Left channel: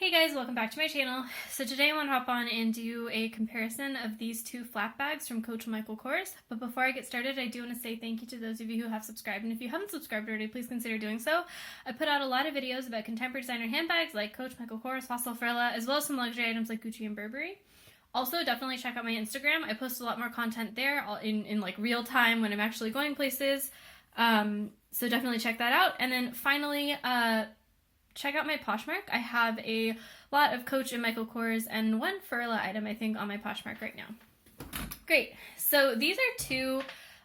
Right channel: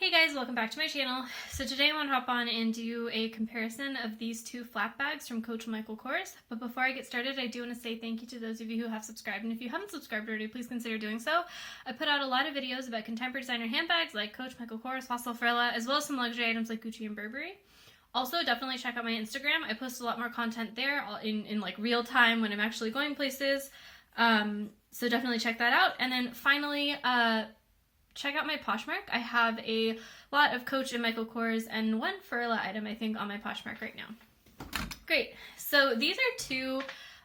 Hey guys, welcome back to my channel. So today I want to hop on and do a comparison of these two flap bags from Coach Michael Kors. But before I get started, I do want to say thank you to those of you who have subscribed. And if you haven't subscribed already, please consider doing so. I put out a lot of videos about contemporary designer handbags like Coach Michael Kors, Fossil Frilla, as well as some luxury items like Gucci and Burberry. Also, definitely check out my Instagram. I post a lot more content there in like real time when I'm actually going places. So definitely check that out. And then finally, check out my Poshmark. I have a lot of Coach and Michael Kors and one Frilla item, I think, on my Poshmark right now. Great. So these are two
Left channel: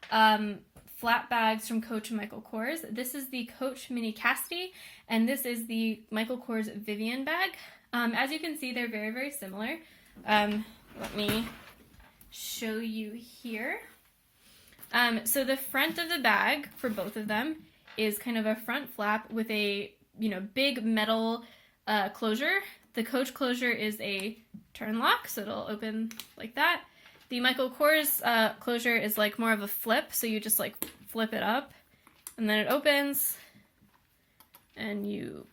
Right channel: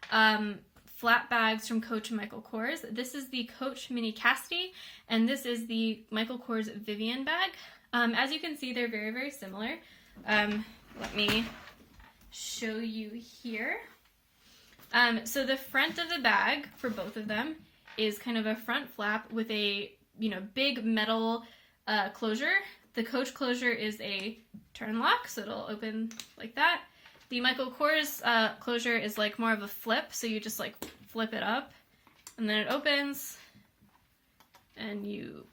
flat bags from Coach and Michael Kors. This is the Coach Mini Cassidy, and this is the Michael Kors Vivianne bag. As you can see, they're very, very similar. Let me show you here. So the front of the bag for both of them is kind of a front flap with a big metal closure. The Coach closure is a Turnlock, so it'll open like that. The Michael Kors closure is like more of a flip, so you just like flip it up, and then it opens, and you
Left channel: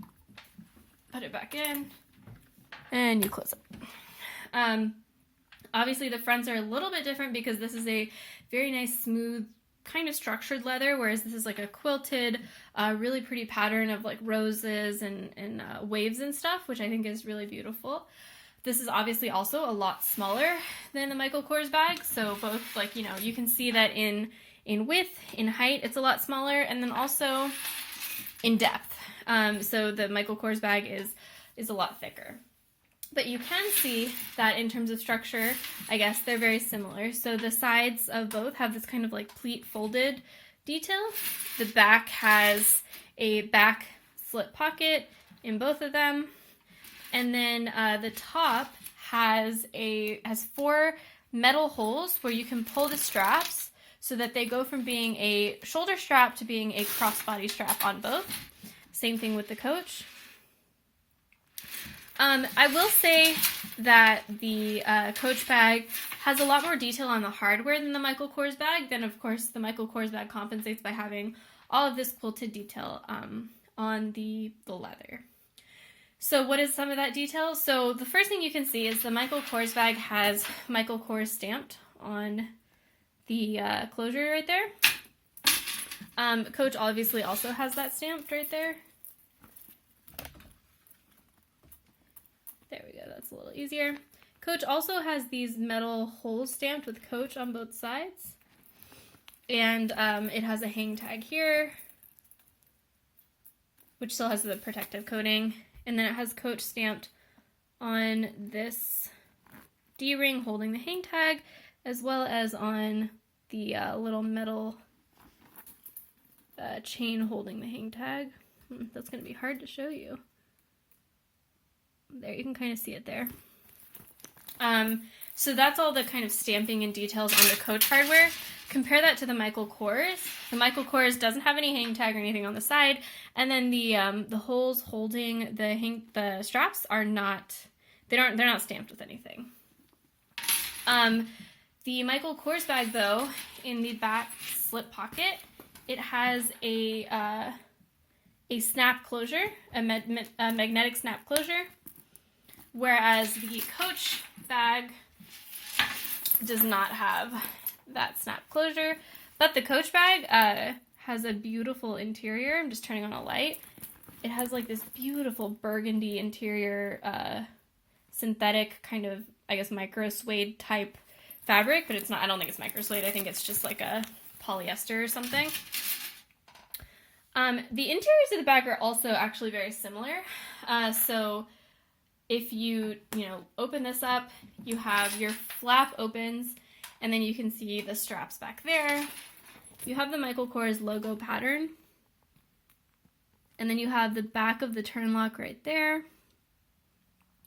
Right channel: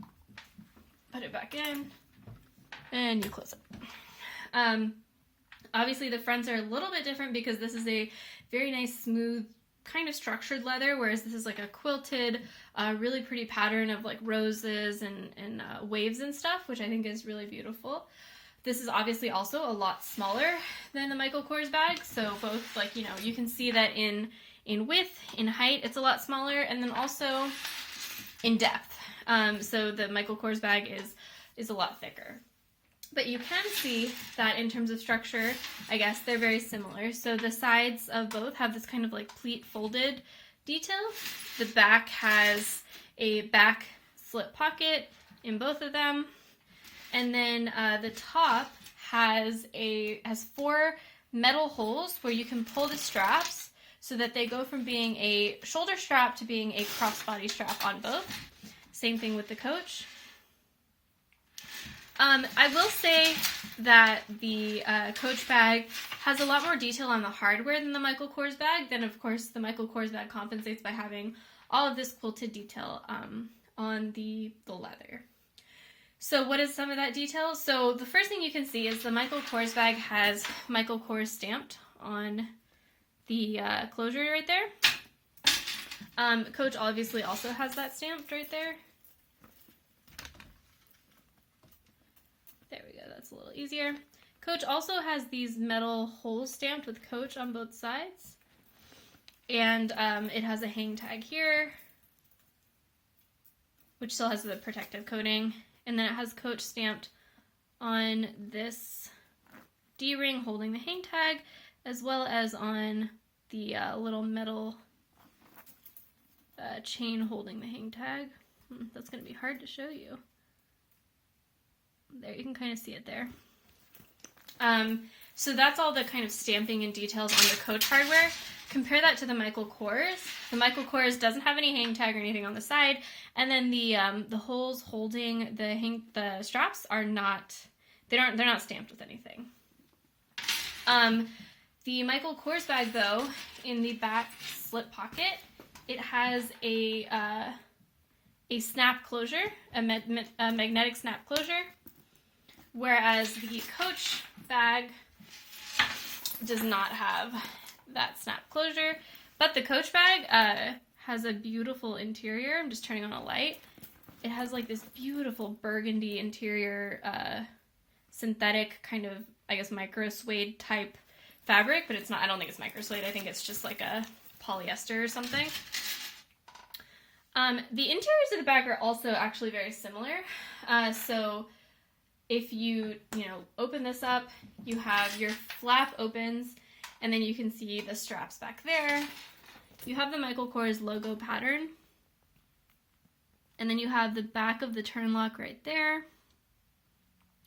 put it back in, and you close it. Obviously the fronts are a little bit different because this is a very nice, smooth, kind of structured leather, whereas this is like a quilted, really pretty pattern of like roses and waves and stuff, which I think is really beautiful. This is obviously also a lot smaller than the Michael Kors bag, so both you can see that in width, in height, it's a lot smaller, and then also in depth. So the Michael Kors bag is a lot thicker. But you can see that in terms of structure, I guess they're very similar. So the sides of both have this kind of like pleat folded detail. The back has a back slip pocket in both of them. And then the top has 4 metal holes where you can pull the straps so that they go from being a shoulder strap to being a crossbody strap on both. Same thing with the Coach. I will say that the Coach bag has a lot more detail on the hardware than the Michael Kors bag. Then, of course, the Michael Kors bag compensates by having all of this quilted detail on the leather. So what is some of that detail? So the first thing you can see is the Michael Kors bag has Michael Kors stamped on the closure right there. Coach obviously also has that stamped right there. There we go, that's a little easier. Coach also has these metal holes stamped with Coach on both sides. And it has a hang tag here, which still has the protective coating. And then it has Coach stamped on this D-ring holding the hang tag, as well as on the little metal chain holding the hang tag. That's going to be hard to show you. There, you can kind of see it there. So that's all the kind of stamping and details on the Coach hardware. Compare that to the Michael Kors. The Michael Kors doesn't have any hang tag or anything on the side, and then the holes holding the straps are not they're not stamped with anything. The Michael Kors bag, though, in the back slip pocket, it has a snap closure, a magnetic snap closure. Whereas the Coach bag does not have that snap closure, but the Coach bag has a beautiful interior. I'm just turning on a light. It has like this beautiful burgundy interior, synthetic kind of, I guess, micro suede type fabric, but it's not, I don't think it's micro suede. I think it's just like a polyester or something. The interiors of the bag are also actually very similar. So if you open this up, you have your flap opens, and then you can see the straps back there. You have the Michael Kors logo pattern, and then you have the back of the Turnlock right there,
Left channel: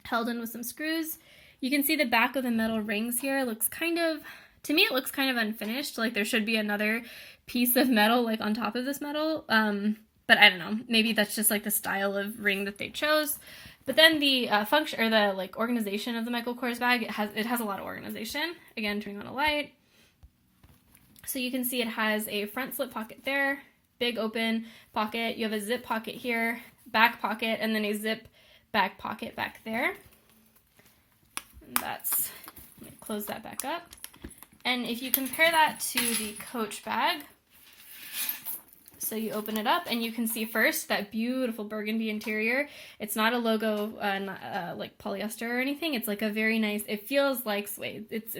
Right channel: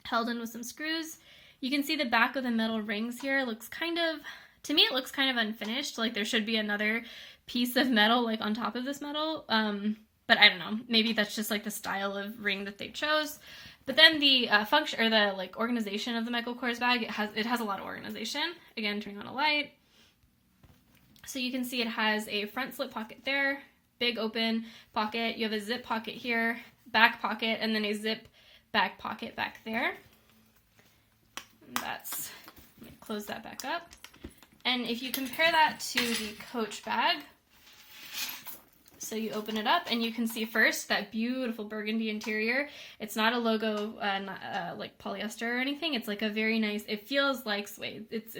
held in with some screws. You can see the back of the metal rings here. Looks kind of, to me, it looks kind of unfinished. Like there should be another piece of metal like on top of this metal, but I don't know. Maybe that's just like the style of ring that they chose. But then the function or the like organization of the Michael Kors bag, it has a lot of organization. Again, turning on a light. So you can see it has a front slip pocket there, big open pocket. You have a zip pocket here, back pocket, and then a zip back pocket back there. And that's, close that back up. And if you compare that to the Coach bag, so you open it up and you can see first that beautiful burgundy interior. It's not a logo like polyester or anything. It's like a very nice, it feels like suede. It's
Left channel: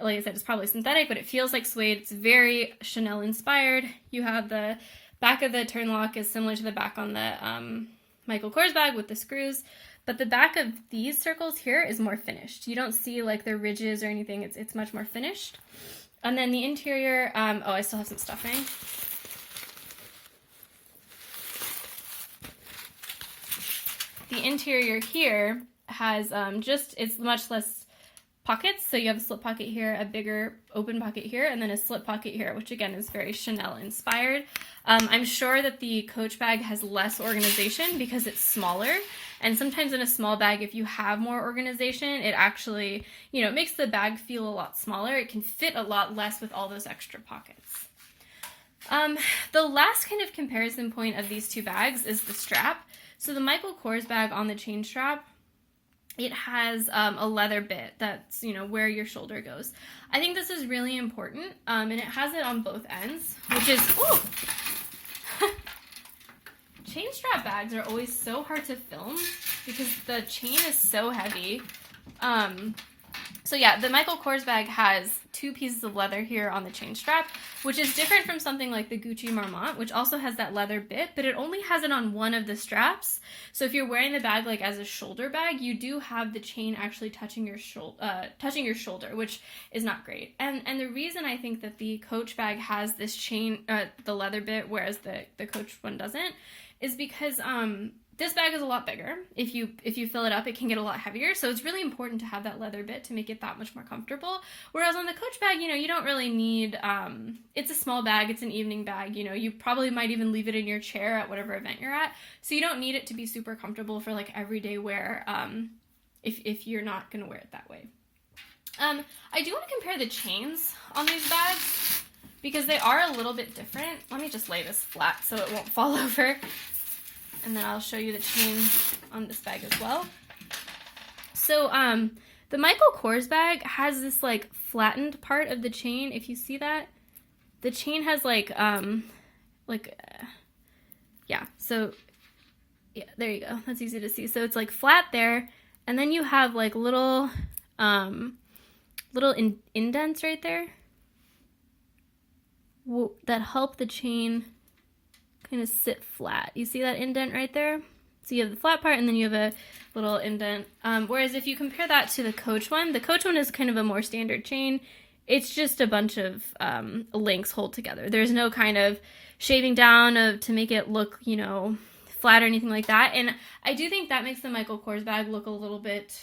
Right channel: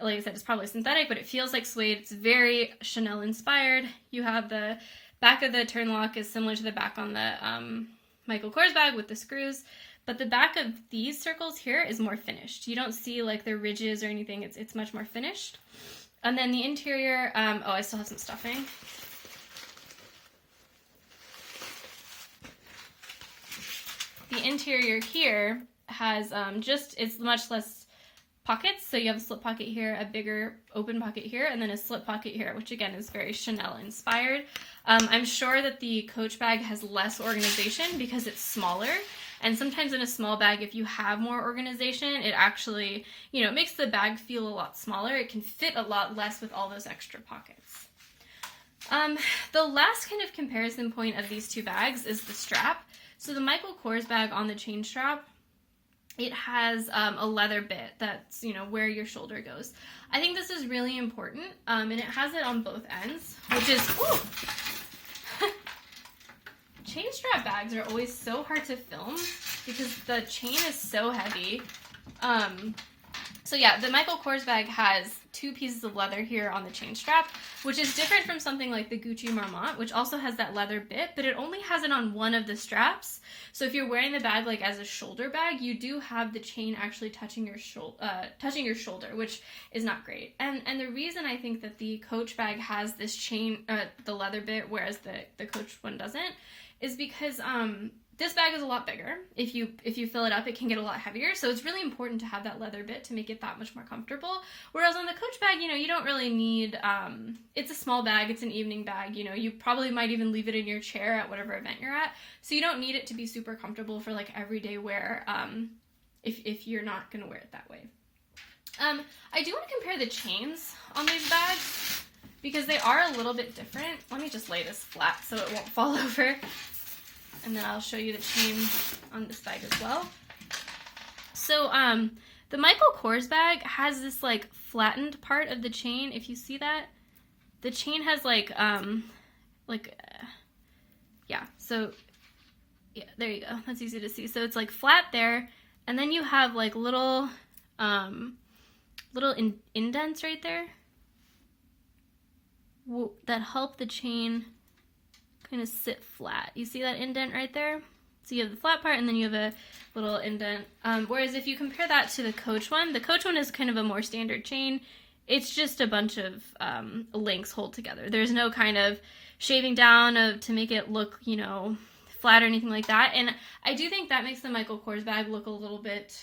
like I said, it's probably synthetic, but it feels like suede. It's very Chanel inspired. You have the back of the Turnlock is similar to the back on the Michael Kors bag with the screws, but the back of these circles here is more finished. You don't see like the ridges or anything. It's much more finished. And then the interior, oh, I still have some stuffing. The interior here has it's much less pockets. So you have a slip pocket here, a bigger open pocket here, and then a slip pocket here, which again is very Chanel inspired. I'm sure that the Coach bag has less organization because it's smaller. And sometimes in a small bag, if you have more organization, it actually, it makes the bag feel a lot smaller. It can fit a lot less with all those extra pockets. The last kind of comparison point of these two bags is the strap. So the Michael Kors bag on the chain strap, it has a leather bit that's, where your shoulder goes. I think this is really important, and it has it on both ends, which is, chain strap bags are always so hard to film because the chain is so heavy. So yeah, the Michael Kors bag has two pieces of leather here on the chain strap, which is different from something like the Gucci Marmont, which also has that leather bit, but it only has it on one of the straps. So if you're wearing the bag like as a shoulder bag, you do have the chain actually touching your shoulder, which is not great. And the reason I think that the Coach bag has this chain, the leather bit, whereas the Coach one doesn't, is because this bag is a lot bigger. If you fill it up, it can get a lot heavier. So it's really important to have that leather bit to make it that much more comfortable. Whereas on the Coach bag, you don't really need, it's a small bag. It's an evening bag. You probably might even leave it in your chair at whatever event you're at. So you don't need it to be super comfortable for like everyday wear if you're not going to wear it that way. I do want to compare the chains on these bags because they are a little bit different. Let me just lay this flat so it won't fall over. And then I'll show you the chain on this bag as well. So the Michael Kors bag has this like flattened part of the chain. If you see that, the chain has so yeah, there you go. That's easy to see. So it's like flat there, and then you have like little indents right there that help the chain kind of sit flat. You see that indent right there? So you have the flat part and then you have a little indent. Whereas if you compare that to the Coach one is kind of a more standard chain. It's just a bunch of links hold together. There's no kind of shaving down to make it look, flat or anything like that. And I do think that makes the Michael Kors bag look a little bit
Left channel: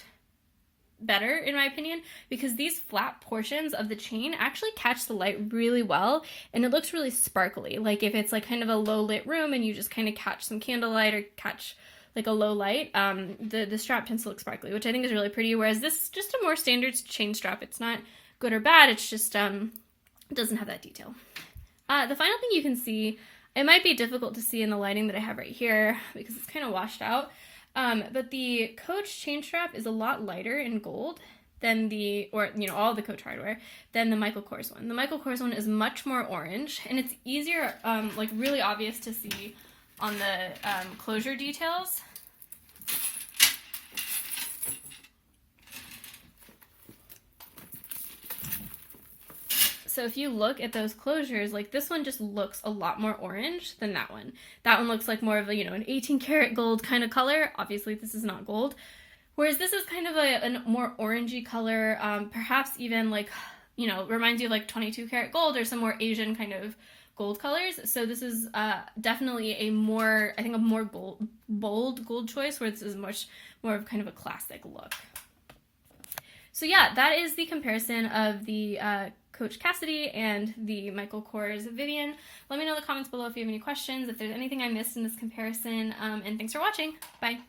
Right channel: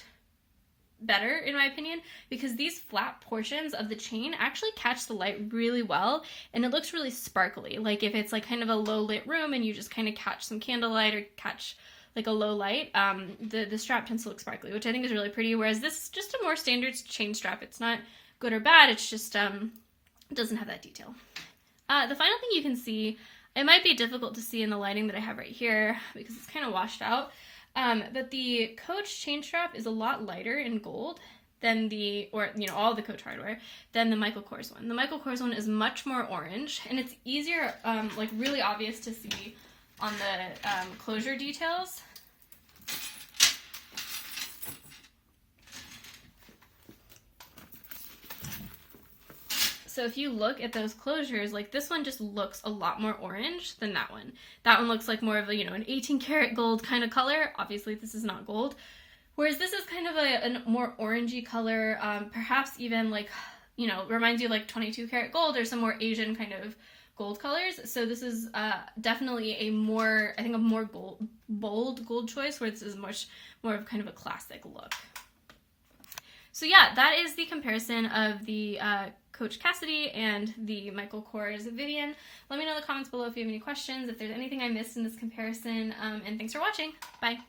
better, in my opinion, because these flat portions of the chain actually catch the light really well, and it looks really sparkly. Like if it's like kind of a low lit room and you just kind of catch some candlelight or catch like a low light, the strap tends to look sparkly, which I think is really pretty, whereas this is just a more standard chain strap. It's not good or bad, it's just it doesn't have that detail. The final thing you can see, it might be difficult to see in the lighting that I have right here because it's kind of washed out, but the Coach chain strap is a lot lighter in gold than all the Coach hardware than the Michael Kors one. The Michael Kors one is much more orange, and it's easier, like really obvious to see on the closure details. So if you look at those closures, like this one just looks a lot more orange than that one. That one looks like more of a, an 18 karat gold kind of color. Obviously this is not gold. Whereas this is kind of a more orangey color, perhaps even like, reminds you of like 22 karat gold or some more Asian kind of gold colors. So this is definitely a more bold gold choice, where this is much more of kind of a classic look. So yeah, that is the comparison of the Coach Cassidy and the Michael Kors Vivianne. Let me know in the comments below if you have any questions, if there's anything I missed in this comparison, and thanks for watching. Bye.